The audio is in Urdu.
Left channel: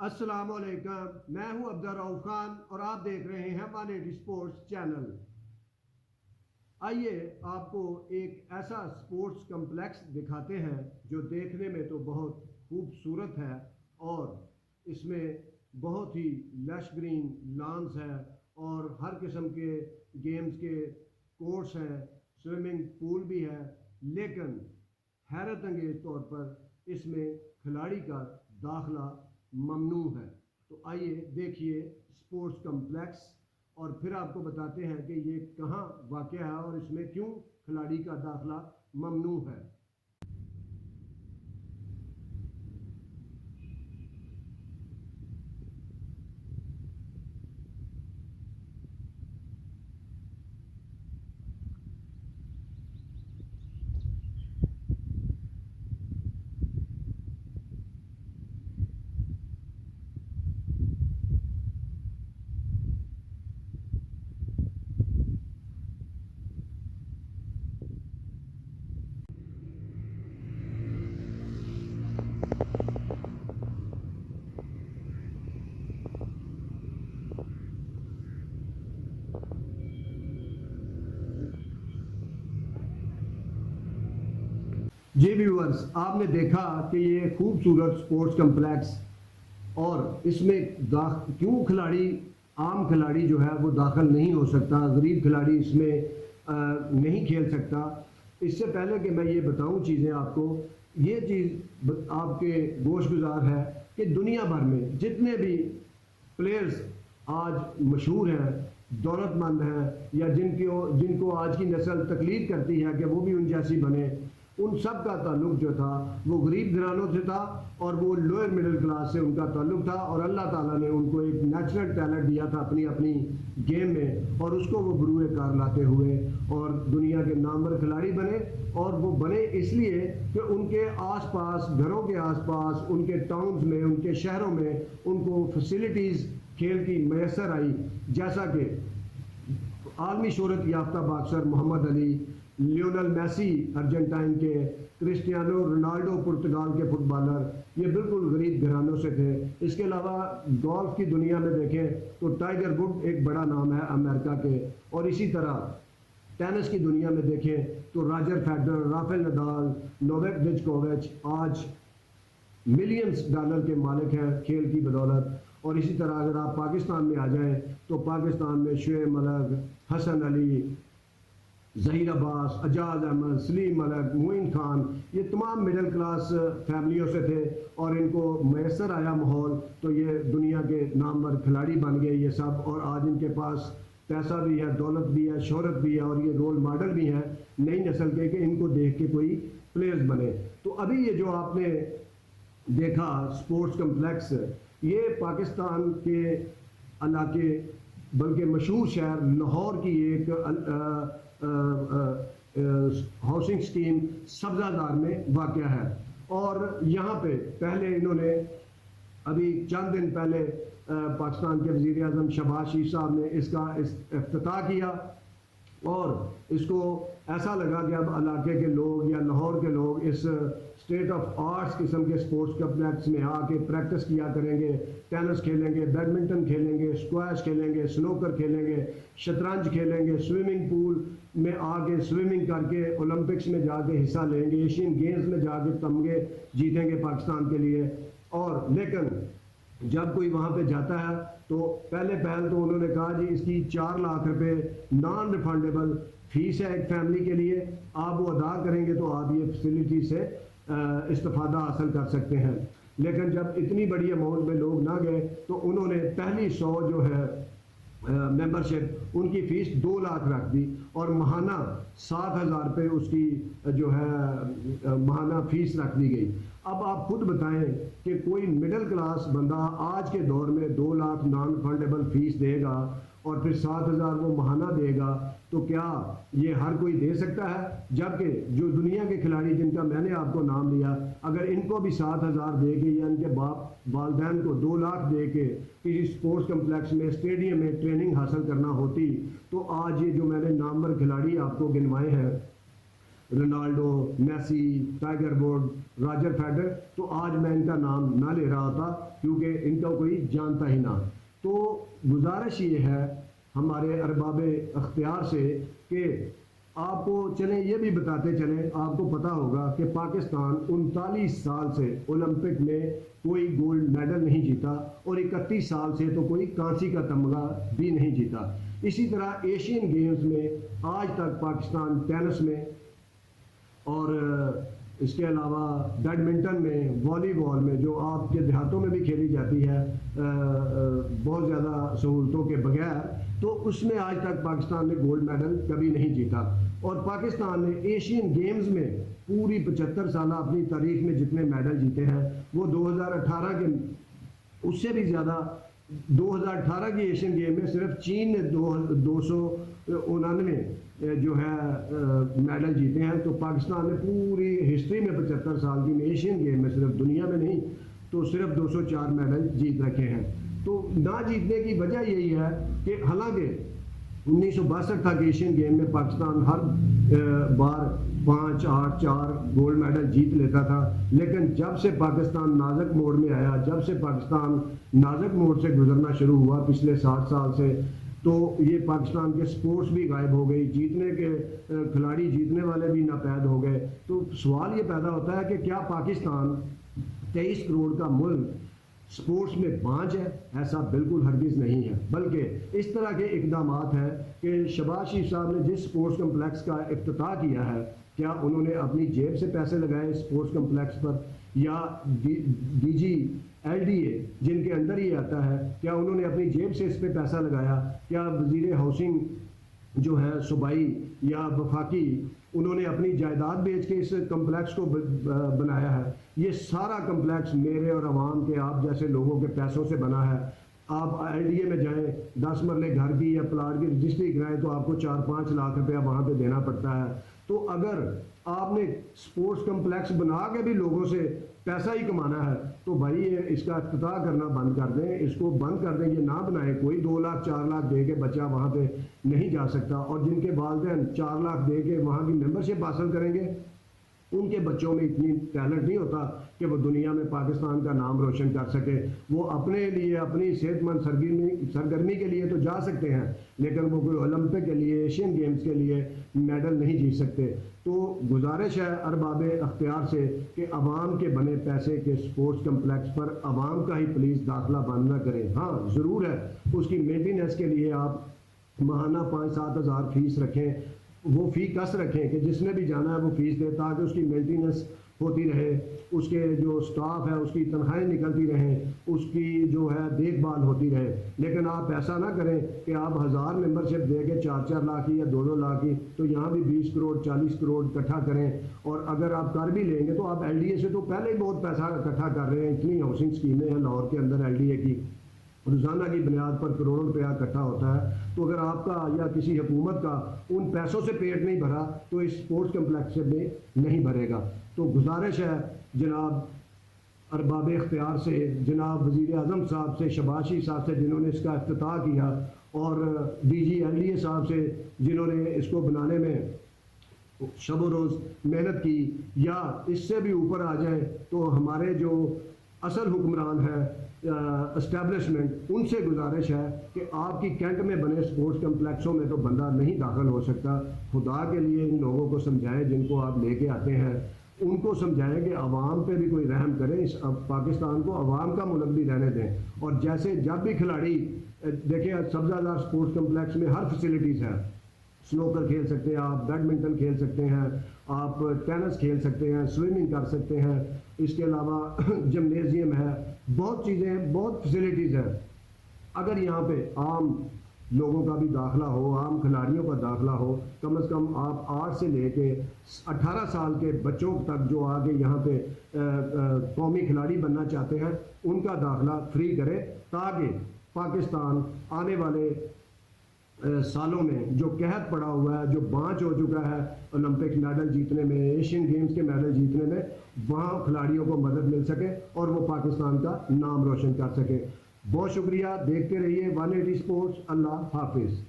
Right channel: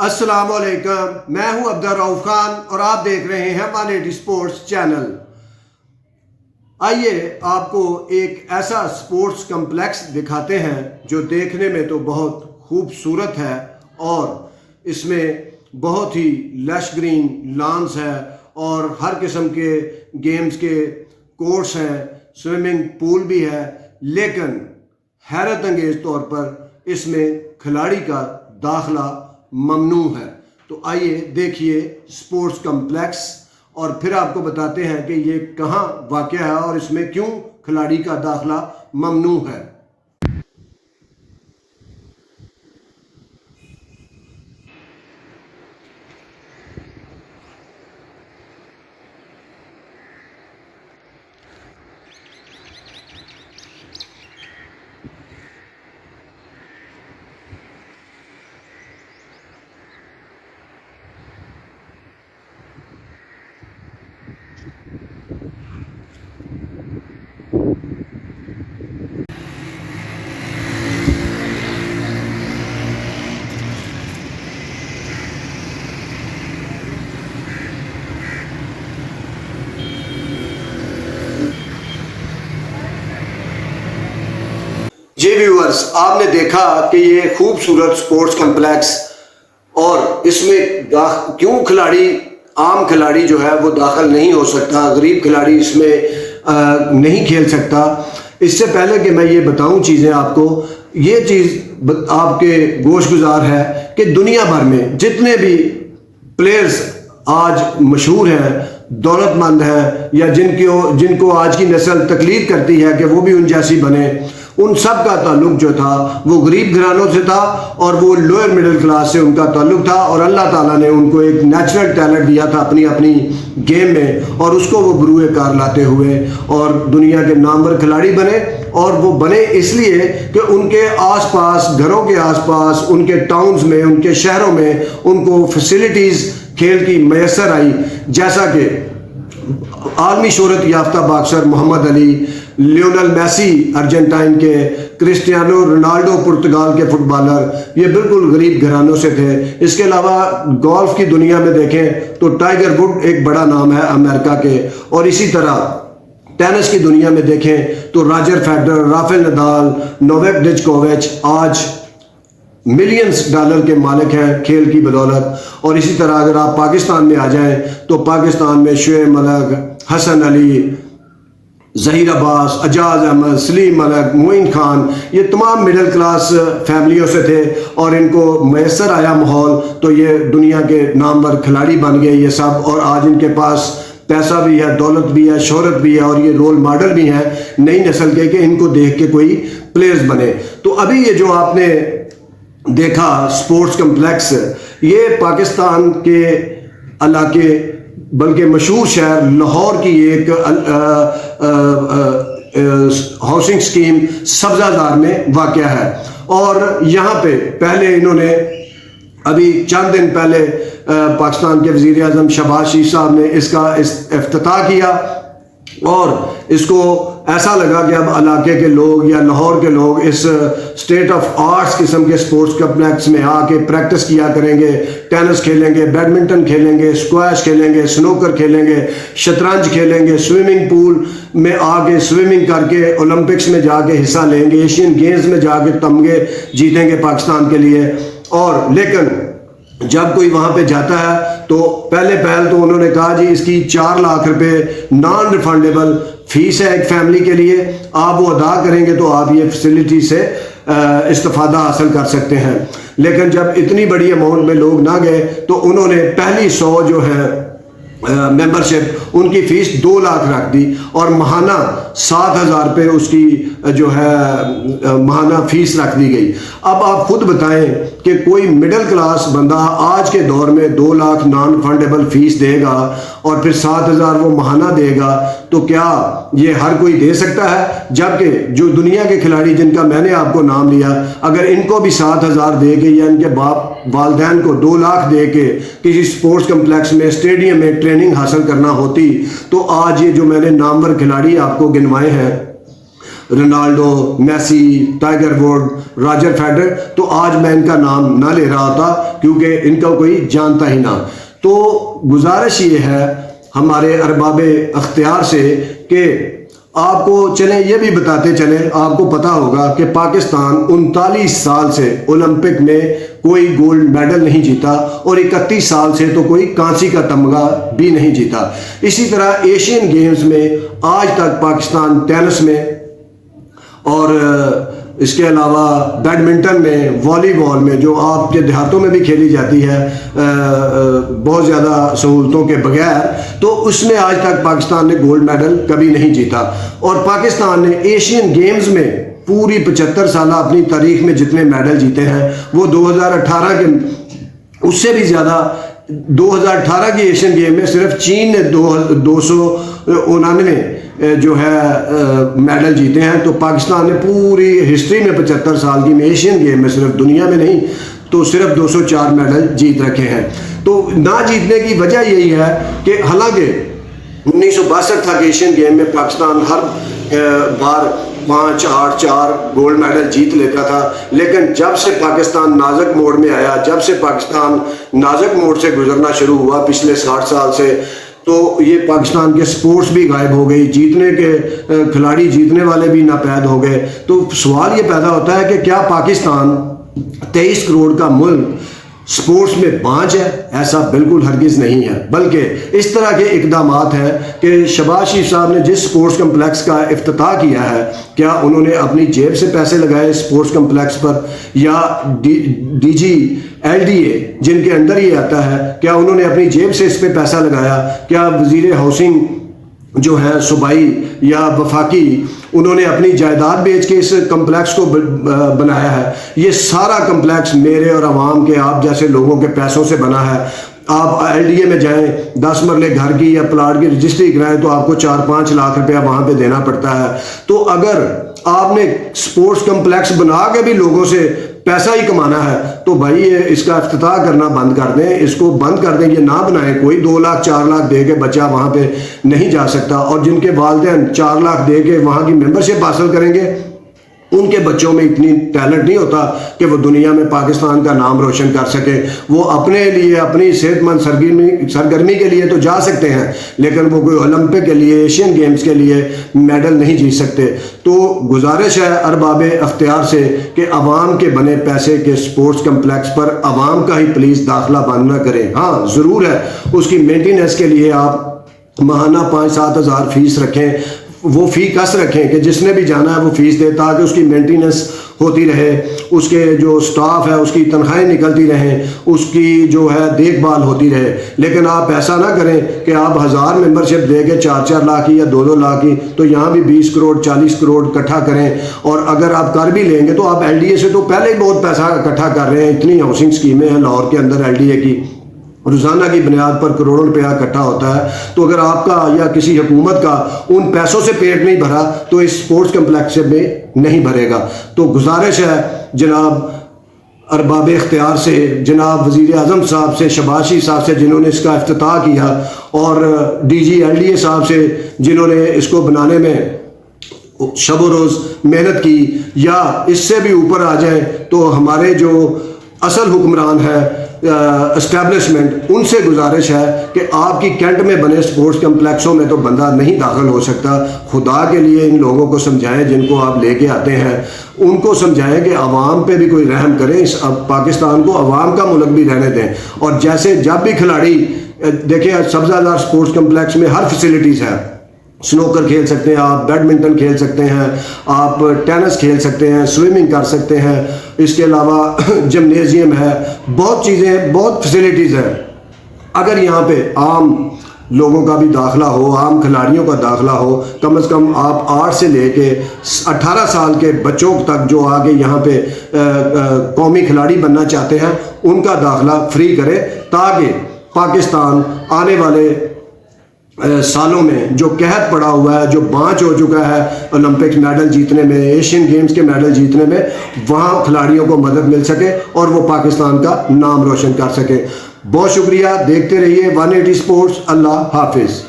السلام علیکم، میں ہوں عبدالرؤف خان اور آپ دیکھ رہے ہیں 180 سپورٹس چینل۔ آئیے آپ کو ایک ایسا سپورٹس کمپلیکس دکھاتے ہیں جو دیکھنے میں تو بہت خوبصورت ہے اور اس میں بہت ہی لش گرین لانس ہے اور ہر قسم کے گیمز کے کورس ہیں، سوئمنگ پول بھی ہے، لیکن حیرت انگیز طور پر اس میں کھلاڑی کا داخلہ ممنوع ہے۔ تو آئیے دیکھیے سپورٹس کمپلیکس اور پھر آپ کو بتاتے ہیں کہ یہ کہاں واقع ہے اور اس میں کیوں کھلاڑی کا داخلہ ممنوع ہے۔ جی ویورز، آپ نے دیکھا کہ یہ خوبصورت سپورٹس کمپلیکس اور اس میں کیوں عام کھلاڑی جو ہے وہ داخل نہیں ہو سکتا، غریب کھلاڑی اس میں نہیں کھیل سکتا۔ اس سے پہلے کہ میں یہ بتاؤں چیزیں آپ کو، یہ چیز آپ کے گوش گزار ہے کہ دنیا بھر میں جتنے بھی پلیئرز آج مشہور ہیں، دولت مند ہیں یا جن کو آج کی نسل تقلید کرتی ہے کہ وہ بھی ان جیسی بنے، ان سب کا تعلق جو تھا وہ غریب گھرانوں سے تھا اور وہ لوئر مڈل کلاس سے ان کا تعلق تھا، اور اللہ تعالیٰ نے ان کو ایک نیچرل ٹیلنٹ دیا تھا اپنی گیم میں، اور اس کو وہ بروئے کار لاتے ہوئے اور دنیا کے نامور کھلاڑی بنے۔ اور وہ بنے اس لیے کہ ان کے آس پاس، گھروں کے آس پاس، ان کے ٹاؤنز میں، ان کے شہروں میں ان کو فیسلٹیز کھیل کی میسر آئی، جیسا کہ عالمی شہرت یافتہ باکسر محمد علی، لیونل میسی ارجنٹائن کے، کرسٹیانو رونالڈو پرتگال کے فٹ بالر، یہ بالکل غریب گھرانوں سے تھے۔ اس کے علاوہ گولف کی دنیا میں دیکھیں تو ٹائیگر ووڈ ایک بڑا نام ہے امریکہ کے، اور اسی طرح ٹینس کی دنیا میں دیکھیں تو Roger Federer, Rafael Nadal, Novak جوکووچ آج ملینز ڈالر کے مالک ہیں کھیل کی بدولت۔ اور اسی طرح اگر آپ پاکستان میں آ جائیں تو پاکستان میں شعیب ملک، حسن علی، ظہیر عباس، اجاز احمد، سلیم ملک، معین خان، یہ تمام مڈل کلاس فیملیوں سے تھے اور ان کو میسر آیا ماحول تو یہ دنیا کے نامور کھلاڑی بن گئے یہ سب، اور آج ان کے پاس پیسہ بھی ہے، دولت بھی ہے، شہرت بھی ہے، اور یہ رول ماڈل بھی ہیں نئی نسل کے کہ ان کو دیکھ کے کوئی پلیئرز بنے۔ تو ابھی یہ جو آپ نے دیکھا سپورٹس کمپلیکس، یہ پاکستان کے علاقے بلکہ مشہور شہر لاہور کی ایک ہاؤسنگ سکیم سبزہ زار میں واقع ہے، اور یہاں پہ پہلے انہوں نے ابھی چند دن پہلے پاکستان کے وزیر اعظم شہباز شریف صاحب نے اس کا افتتاح کیا، اور اس کو ایسا لگا کہ اب علاقے کے لوگ یا لاہور کے لوگ اس اسٹیٹ آف آرٹس قسم کے سپورٹس کمپلیکس میں آ کے پریکٹس کیا کریں گے، ٹینس کھیلیں گے، بیڈمنٹن کھیلیں گے، اسکواش کھیلیں گے، سنوکر کھیلیں گے، شطرنج کھیلیں گے، سوئمنگ پول میں آ کے سوئمنگ کر کے اولمپکس میں جا کے حصہ لیں گے، ایشین گیمز میں جا کے تمغے جیتیں گے پاکستان کے لیے۔ اور لیکن جب کوئی وہاں پہ جاتا ہے تو پہلے تو انہوں نے کہا جی اس کی 4 لاکھ روپے نان ریفنڈیبل فیس ہے ایک فیملی کے لیے، آپ وہ ادا کریں گے تو آپ یہ فیسلٹی سے استفادہ حاصل کر سکتے ہیں۔ لیکن جب اتنی بڑی اماؤنٹ میں لوگ نہ گئے تو انہوں نے پہلی 100 جو ہے ممبرشپ ان کی فیس 2 لاکھ رکھ دی اور ماہانہ 7,000 روپے اس کی جو ہے ماہانہ فیس رکھ دی گئی۔ اب آپ خود بتائیں کہ کوئی مڈل کلاس بندہ آج کے دور میں 2 لاکھ نان فنڈیبل فیس دے گا اور پھر 7,000 وہ ماہانہ دے گا تو کیا یہ ہر کوئی دے سکتا ہے؟ جبکہ جو دنیا کے کھلاڑی جن کا میں نے آپ کو نام لیا، اگر ان کو بھی 7,000 دے کے یا ان کے باپ والدین کو 2 لاکھ دے کے کسی سپورٹس کمپلیکس میں اسٹیڈیم میں ٹریننگ حاصل کرنا ہوتی تو آج یہ جو میں نے نامور کھلاڑی آپ کو گنوائے ہیں Ronaldo, Messi, Tiger Wood, Roger Federer, تو آج میں ان کا نام نہ لے رہا ہوتا کیونکہ ان کا کوئی جانتا ہی نہ۔ تو گزارش یہ ہے ہمارے ارباب اختیار سے کہ آپ کو چلیں یہ بھی بتاتے چلیں، آپ کو پتا ہوگا کہ پاکستان 39 سال سے اولمپک میں کوئی گولڈ میڈل نہیں جیتا اور 31 سال سے تو کوئی کانسی کا تمغہ بھی نہیں جیتا۔ اسی طرح ایشین گیمز میں آج تک پاکستان ٹینس میں اور اس کے علاوہ بیڈمنٹن میں، والی بال میں، جو آپ کے دیہاتوں میں بھی کھیلی جاتی ہے بہت زیادہ سہولتوں کے بغیر، تو اس میں آج تک پاکستان نے گولڈ میڈل کبھی نہیں جیتا۔ اور پاکستان نے ایشین گیمز میں پوری 75 سالہ اپنی تاریخ میں جتنے میڈل جیتے ہیں وہ 2018 کے اس سے بھی زیادہ 2018 کی ایشین گیم میں صرف چین نے 299 جو ہے میڈل جیتے ہیں۔ تو پاکستان نے پوری ہسٹری میں 75 سال کی ایشین گیم میں صرف دنیا میں نہیں تو صرف 204 میڈل جیت رکھے ہیں۔ تو نہ جیتنے کی وجہ یہی ہے کہ حالانکہ 1962 تک ایشین گیم میں پاکستان ہر بار 5 8 4 گولڈ میڈل جیت لیتا تھا، لیکن جب سے پاکستان نازک موڑ میں آیا، جب سے پاکستان نازک موڑ سے گزرنا شروع ہوا پچھلے 60 سال سے، تو یہ پاکستان کے سپورٹس بھی غائب ہو گئی، جیتنے کے کھلاڑی جیتنے والے بھی ناپید ہو گئے۔ تو سوال یہ پیدا ہوتا ہے کہ کیا پاکستان 23 کروڑ کا ملک سپورٹس میں بانج ہے؟ ایسا بالکل ہرگز نہیں ہے، بلکہ اس طرح کے اقدامات ہیں کہ شہباز شریف صاحب نے جس سپورٹس کمپلیکس کا افتتاح کیا ہے، کیا انہوں نے اپنی جیب سے پیسے لگائے سپورٹس کمپلیکس پر، یا D G L D A جن کے اندر یہ آتا ہے کیا انہوں نے اپنی جیب سے اس پہ پیسہ لگایا؟ کیا وزیر ہاؤسنگ جو ہے صوبائی یا وفاقی انہوں نے اپنی جائیداد بیچ کے اس کمپلیکس کو بنایا ہے؟ یہ سارا کمپلیکس میرے اور عوام کے، آپ جیسے لوگوں کے پیسوں سے بنا ہے۔ آپ ایل ڈی اے میں جائیں، 10 مرلے گھر کی یا پلاٹ کی رجسٹری کرائیں تو آپ کو 4-5 لاکھ روپیہ وہاں پہ دینا پڑتا ہے۔ تو اگر آپ نے سپورٹس کمپلیکس بنا کے بھی لوگوں سے پیسہ ہی کمانا ہے تو بھائی اس کا افتتاح کرنا بند کر دیں، اس کو بند کر دیں، یہ نہ بنائیں۔ کوئی 2 لاکھ 4 لاکھ دے کے بچہ وہاں پہ نہیں جا سکتا، اور جن کے والدین 4 لاکھ دے کے وہاں کی ممبرشپ حاصل کریں گے ان کے بچوں میں اتنی ٹیلنٹ نہیں ہوتا کہ وہ دنیا میں پاکستان کا نام روشن کر سکے۔ وہ اپنے لیے اپنی صحت مند سرگرمی کے لیے تو جا سکتے ہیں، لیکن وہ کوئی اولمپک کے لیے، ایشین گیمز کے لیے میڈل نہیں جیت سکتے۔ تو گزارش ہے ارباب اختیار سے کہ عوام کے بنے پیسے کے سپورٹس کمپلیکس پر عوام کا ہی پلیز داخلہ بند نہ کریں۔ ہاں ضرور ہے اس کی مینٹیننس کے لیے آپ ماہانہ 5-7 ہزار فیس رکھیں، وہ فی کس رکھیں کہ جس نے بھی جانا ہے وہ فیس دے، تاکہ اس کی مینٹیننس ہوتی رہے، اس کے جو سٹاف ہے اس کی تنخواہیں نکلتی رہیں، اس کی جو ہے دیکھ بھال ہوتی رہے۔ لیکن آپ ایسا نہ کریں کہ آپ 1000 ممبرشپ دے کے 4-4 لاکھ کی یا 2-2 لاکھ کی، تو یہاں بھی 20 کروڑ 40 کروڑ اکٹھا کریں۔ اور اگر آپ کر بھی لیں گے تو آپ ایل ڈی اے سے تو پہلے ہی بہت پیسہ اکٹھا کر رہے ہیں، اتنی ہاؤسنگ اسکیمیں ہیں لاہور کے اندر ایل ڈی اے کی، روزانہ کی بنیاد پر کروڑوں روپیہ اکٹھا ہوتا ہے۔ تو اگر آپ کا یا کسی حکومت کا ان پیسوں سے پیٹ نہیں بھرا تو اس سپورٹس کمپلیکس میں نہیں بھرے گا۔ تو گزارش ہے جناب ارباب اختیار سے، جناب وزیر اعظم صاحب سے، شہباز شریف صاحب سے جنہوں نے اس کا افتتاح کیا، اور D G L D A صاحب سے جنہوں نے اس کو بنانے میں شب و روز محنت کی، یا اس سے بھی اوپر آ جائیں تو ہمارے جو اصل حکمران ہے اسٹیبلشمنٹ، ان سے گزارش ہے کہ آپ کی کینٹ میں بنے سپورٹس کمپلیکسوں میں تو بندہ نہیں داخل ہو سکتا۔ خدا کے لیے ان لوگوں کو سمجھائیں جن کو آپ لے کے آتے ہیں، ان کو سمجھائیں کہ عوام پہ بھی کوئی رحم کریں، اس پاکستان کو عوام کا ملک بھی رہنے دیں۔ اور جیسے جب بھی کھلاڑی دیکھیں، سبزہ زار سپورٹس کمپلیکس میں ہر فیسلٹیز ہے، سنوکر کھیل سکتے ہیں آپ، بیڈمنٹن کھیل سکتے ہیں آپ، ٹینس کھیل سکتے ہیں، سوئمنگ کر سکتے ہیں، اس کے علاوہ جمنیزیم ہے، بہت چیزیں ہیں، بہت فیسلٹیز ہیں۔ اگر یہاں پہ عام لوگوں کا بھی داخلہ ہو، عام کھلاڑیوں کا داخلہ ہو، کم از کم آپ 8 سے لے کے 18 سال کے بچوں تک جو آگے یہاں پہ قومی کھلاڑی بننا چاہتے ہیں ان کا داخلہ فری کرے، تاکہ پاکستان آنے والے سالوں میں جو قحط پڑا ہوا ہے، جو بانچ ہو چکا ہے اولمپکس میڈل جیتنے میں، ایشین گیمز کے میڈل جیتنے میں، وہاں کھلاڑیوں کو مدد مل سکے اور وہ پاکستان کا نام روشن کر سکے۔ بہت شکریہ، دیکھتے رہیے 180 سپورٹس۔ اللہ حافظ۔